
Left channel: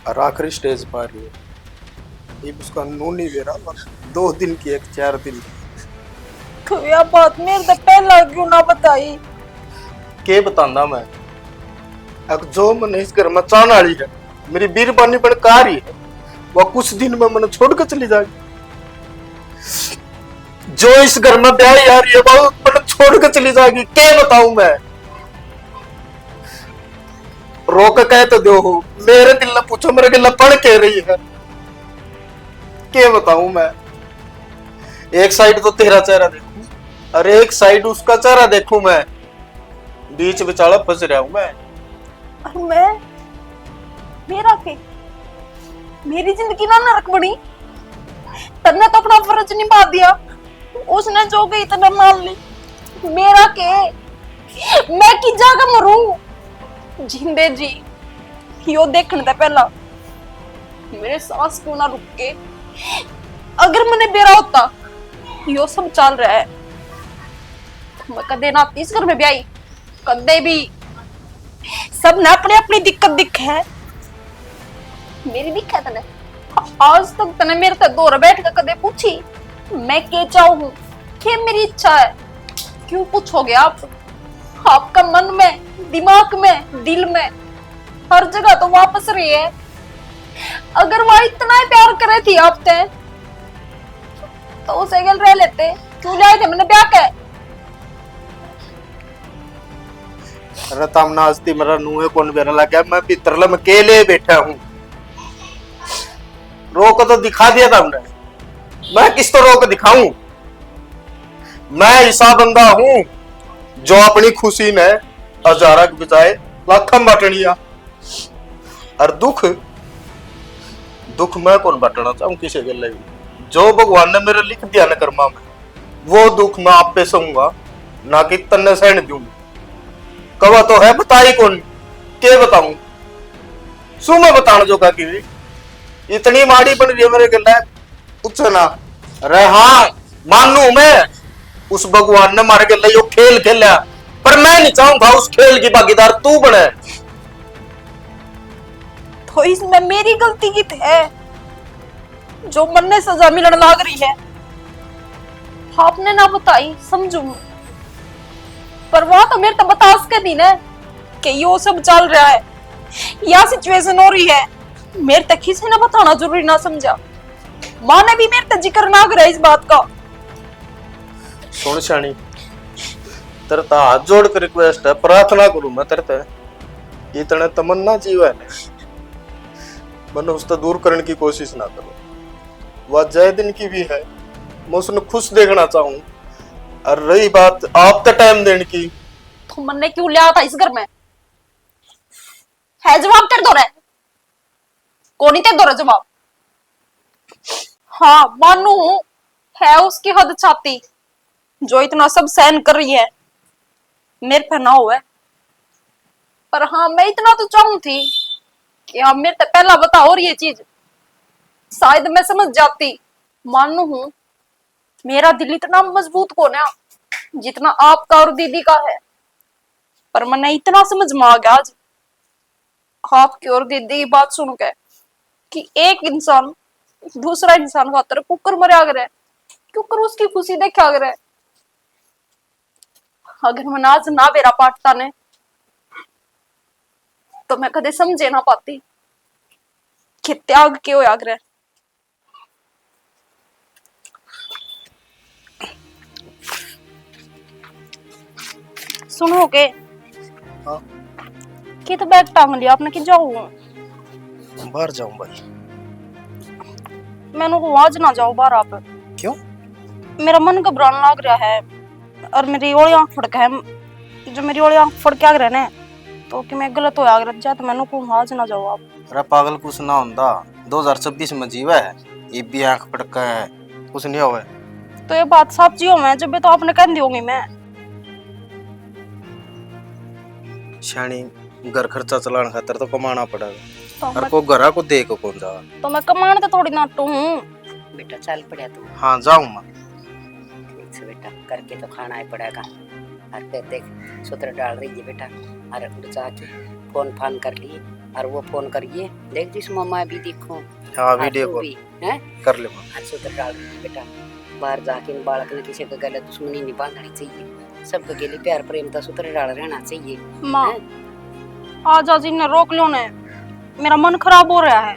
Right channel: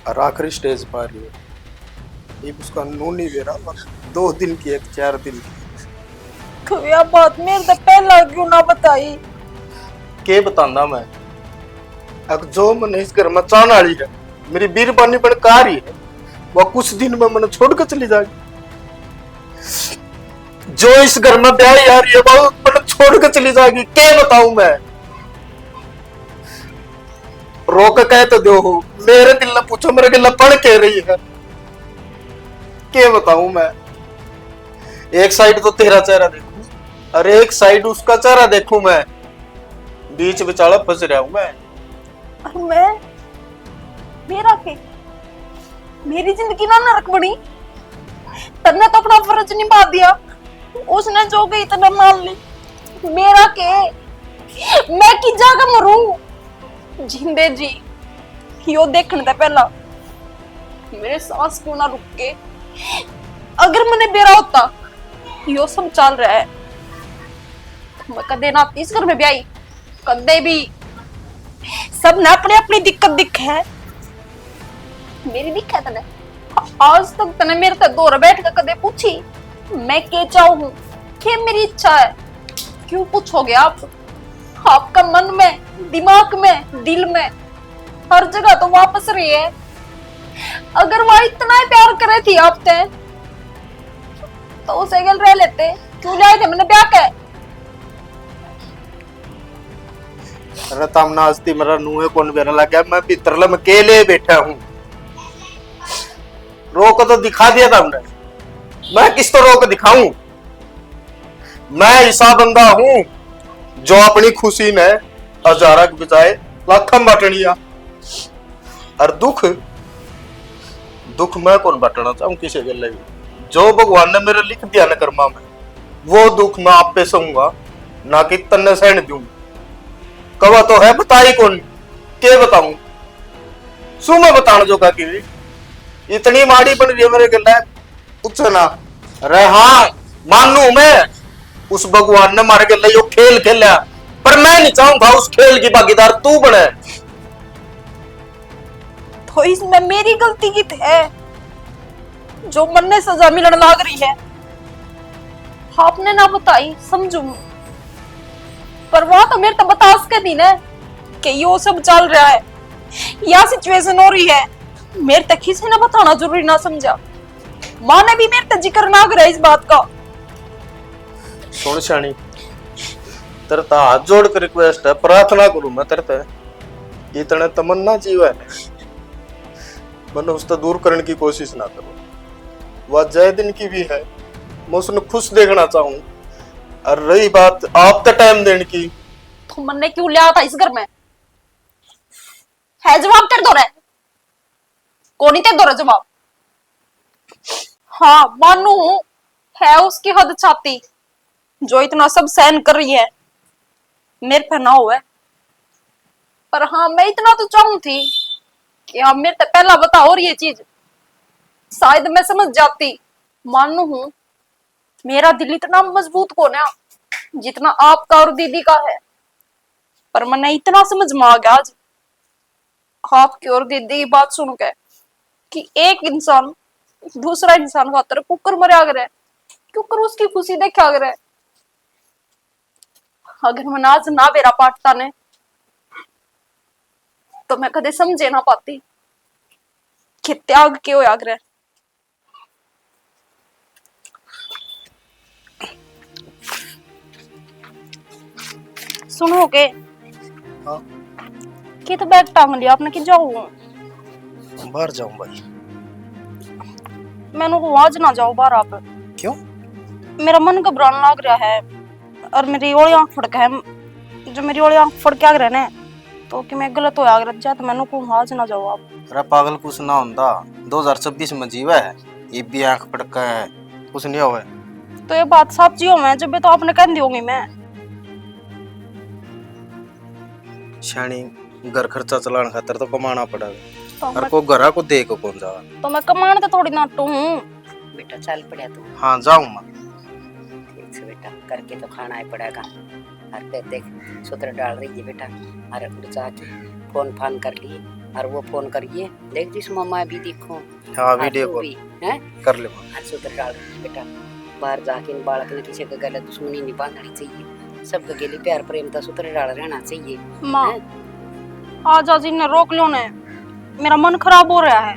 और आखिरी स्टेज पर रही है। ये उसका नून नहीं दे रहा, 2 दिन की एक 4 दिन की। तो यह बात मेरे से पहला क्यों ना बताई? के बतांदा मैं। अब जो मन इस घर में चाहने वाली है, मेरी बीरबानी पर कार ही है, वो कुछ दिन में मन छोड़ कर चली जाएगी। जो इस घर में ब्याह आ रही है वो मन छोड़ कर चली जाएगी। क्या बताऊं मैं? रोक कह तो दो हो, मेरे दिल ने पूछो मेरे दिल पढ़ कह रही है। क्या बताऊं मैं? एक साइड तो तेरा चेहरा देखूं और एक साइड उसका चेहरा देखूं मैं, बीच बिचाला फंस रहा हूं मैं। और मैं, मेरा के, मेरी जिंदगी ना नरक बनी। तन्ने तो अपना फर्ज निभा दिया, उसने जो गई तना मान ली। मेरा के, मैं की जागा मरूं जिंदे जी। यो देखने दे पहला मेरे सांस क्यों ना रुक के। अगर मैंने बेरा होता यो सब चल रहा है, मैं कदे ना आती इस घर में ब्याई, कदे भी। सब ना अपने अपनी दिक्कत दिख है, मेरी दिक्कत है तने। आज तक तने मेरे से दूर बैठ कर कदे पूछी मैं के चाहूं, क्या मेरी इच्छा है? क्यों पूछोगे आप? आपका मन में, दिमाग में, दिल में, हर जगह तो वापस रही है। अगर वह इतना ही प्यार करे थी आपसे तो उसे गल रह लेते, क्यों लाए थे मैंने ब्याह के? रतम नास्ती मेरा नुए कौन बेरा लगा, मैं भीतर लम के लिए बैठा हूं। रोक तो दिखा दिया था हमने, मैं किस तो रोक दिखाऊं? मैं ऐसा बंदा हूं जो अपनी खुशी में हजारा के बजाय लाखों बांटनिया। और दुख, दुख मैं कौन बांटना चाहूं किसी के लिए? जो भगवान ने मेरे लिख दिया न कर्मा में, वो दुख मैं आप पे सहूंगा, ना कि तन्ने सहन दूंगा। कवा तो है बताई कौन, के बताऊं? सु मैं बताना जो का की इतनी माड़ी बन रही है मेरे गला, पूछ ना। अरे हाँ मानू मैं, उस भगवान ने मारे गला यो खेल खेला, पर मैं नहीं चाहूंगा उस खेल की भागीदार तू बने। तो इसमें मेरी गलती की है जो मन ने सजा मिलने लाग रही है। आपने ना बताई समझू, पर वहां तो मेरे तो बता सके थी ना कि यो सब चल रहा है या सिचुएशन हो रही है। मेरे तक किसी ने बताना जरूरी ना समझा। माँ ने भी मेरे तक जिक्र ना करा इस बात का। सुन शानी, तेरे ता हाथ जोड़ कर रिक्वेस्ट है, प्रार्थना करूं मैं तेरे ते, इतने तमन्ना जीवन है, मन उसको दूर करने की कोशिश ना करो। वह जय दिन की भी है, मैं उसने खुश देखना चाहूं। और रही बात आप तक टाइम देने की, तो मन ने क्यों लिया था इस घर में? है जवाब तेरे दो रहे, कौन ही तेरे दो रहे जवाब? हाँ मानू है उसकी हद छाती जो इतना सब सहन कर रही है, मेरे पे ना हुआ। पर हाँ मैं इतना तो चाहूं थी कि हाँ मेरे तक पहला बता और ये चीज शायद मैं समझ जाती। मानू हूं मेरा दिल इतना मजबूत कौन है जितना आपका और दीदी का है, पर मैंने इतना समझ में आ गया आज आपकी और दीदी की बात सुन के कि एक इंसान दूसरा इंसान खातर कुकर मरे करे, कुकर उसकी खुशी देखा करे। अगर मैं आज ना बेरा पाटता ने तो मैं कदे समझे ना पाती कि त्याग क्यों आग्रह। सुनोगे? हाँ कि तो बैग टांग लिया आपने कि जाऊं? बाहर जाऊं भाई। मैंने को आज ना जाओ बाहर आप। क्यों? मेरा मन घबराने लग रहा है और मेरी ओली आंख फड़क है। जो मेरी ओली आंख फड़क आ रहा है तो कि मैं गलत हो आग्रह जा, तो मैंने को आज ना जाओ आप। अरे पागल कुछ ना होता, 2026 में जीवा है, ये भी आंख फड़का है, कुछ नहीं हुआ। तो ये बात सच्ची हो मैं जब तो आपने कह दी होगी मैं। शानी घर खर्चा चलाने खातर तो कमाना पड़ेगा, तो और मैं, को घरा को दे को कौन जावा। तो मैं कमाने तो थोड़ी नाटू हूँ। बेटा चल पड़ा तू। हाँ जाऊं मैं। ठीक से बेटा, करके तो खाना ही पड़ेगा। और फिर देख सूत्र डाल रही है बेटा, अरे उड़ जाके फोन फान कर लिए, और वो फोन करिए देख जिस मम्मा भी देखो। हाँ वीडियो कॉल है कर ले। और सूत्र डाल रही है बेटा, बाहर जाके इन बालक ने किसी के गले दुश्मनी नहीं बांधनी चाहिए। सबके गले प्यार प्रेम का सूत्र डाल रहना चाहिए। माँ आज आज इन्हें रोक लो ने, मेरा मन खराब हो रहा है।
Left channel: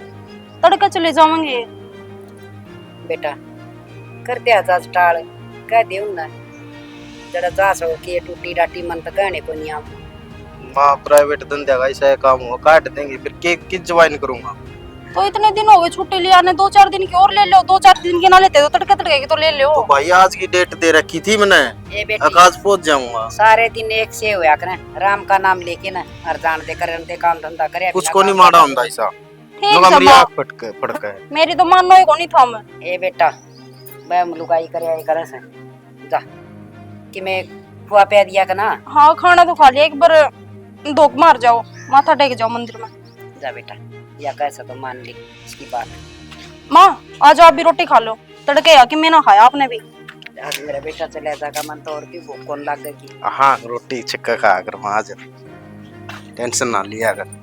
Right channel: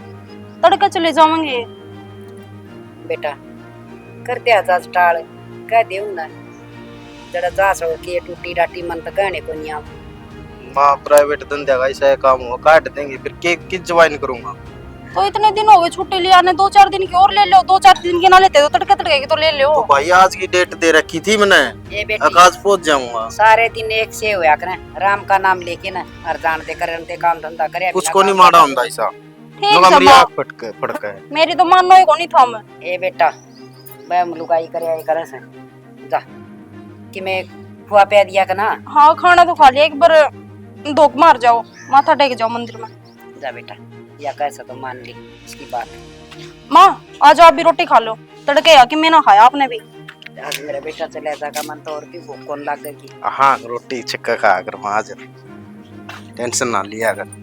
तड़के चले जाएंगे। बेटा करते आज टाल कह दे उन्ना जरा जा सो के टूटी डाटी मन तो कहने को नहीं। आप माँ प्राइवेट धंधे का ऐसा काम हुआ काट देंगे, फिर के किस ज्वाइन करूंगा। तो इतने दिन हो गए छुट्टी लिया ने, 2-4 दिन की और ले लो। 2-4 दिन की ना लेते तो तड़के तड़के की तो ले लो। तो भाई आज की डेट दे रखी थी मैंने, ये बेटी आकाश पहुंच जाऊंगा। सारे दिन एक से होया करें, राम का नाम लेके ना हर जान दे करन दे काम धंधा करे। कुछ को नहीं मारा ਹੁੰਦਾ ऐसा ठीक लोग है मेरी माँ, आंख फटक है। मेरी तो मानना ही को नहीं था मैं। ए बेटा मैं लुगाई करे से जा कि मैं खुआ पे दिया का ना। हाँ खाना तो खा लिया, एक बार धोख मार जाओ, माथा टेक जाओ मंदिर में। जा बेटा या कैसा तो मान ली इसकी बात। माँ आज आप भी रोटी खा लो, तड़के आके मैं ना खाया आपने भी। आज मेरा बेटा चले जाएगा मन तो और भी भूख कौन लग गई। हाँ रोटी छिक्का खा कर वहां जा, टेंशन ना लिया कर।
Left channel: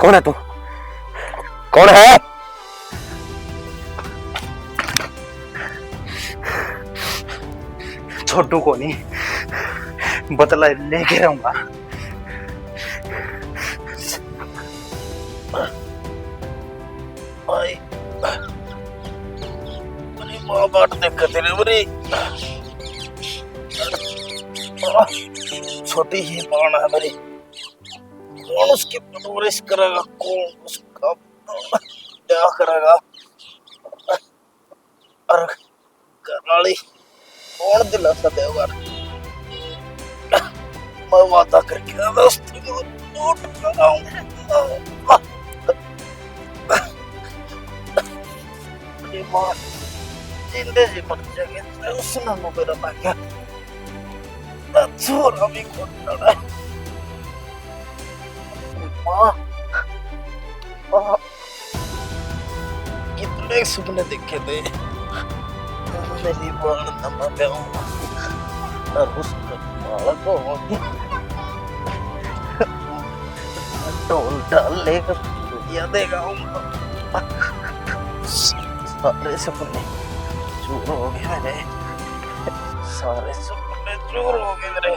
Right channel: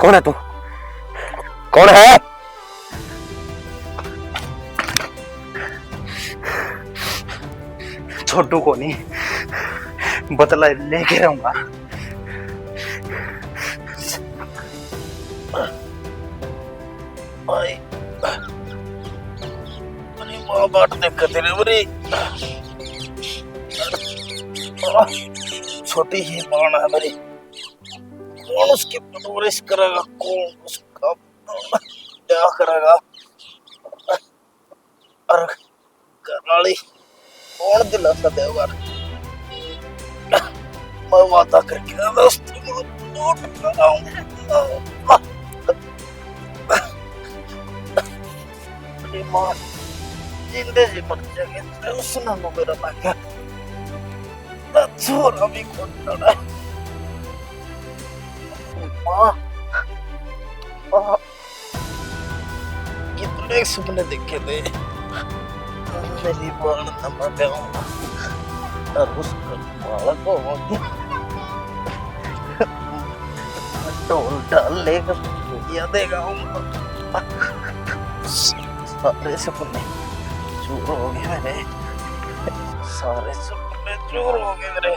कौन है तू? कौन है? छोटू को नहीं बदला लेके रहूंगा। मेरी माँ बाट देख तेरे मेरी छोटी ही बाण है मेरी, कौन उसकी परवरिश करेगा, कौन उसका क्या करेगा। और कराली कौन दिलासा देगा। मैं वादा करके दोस्त लौट कर आऊंगा। मेरी माँ जिंदे जी मर जाएगी, उसने मेरा ना क्या छोरा भी खोटा है। माँ कितने सपने देखे थे, मेरी बाण नमा पे और उसका बालक होगी ढोल डाल लेकर या देगा। सारे सपने चूर हो गए मेरे, सारे सपने चूर हो गए मेरे।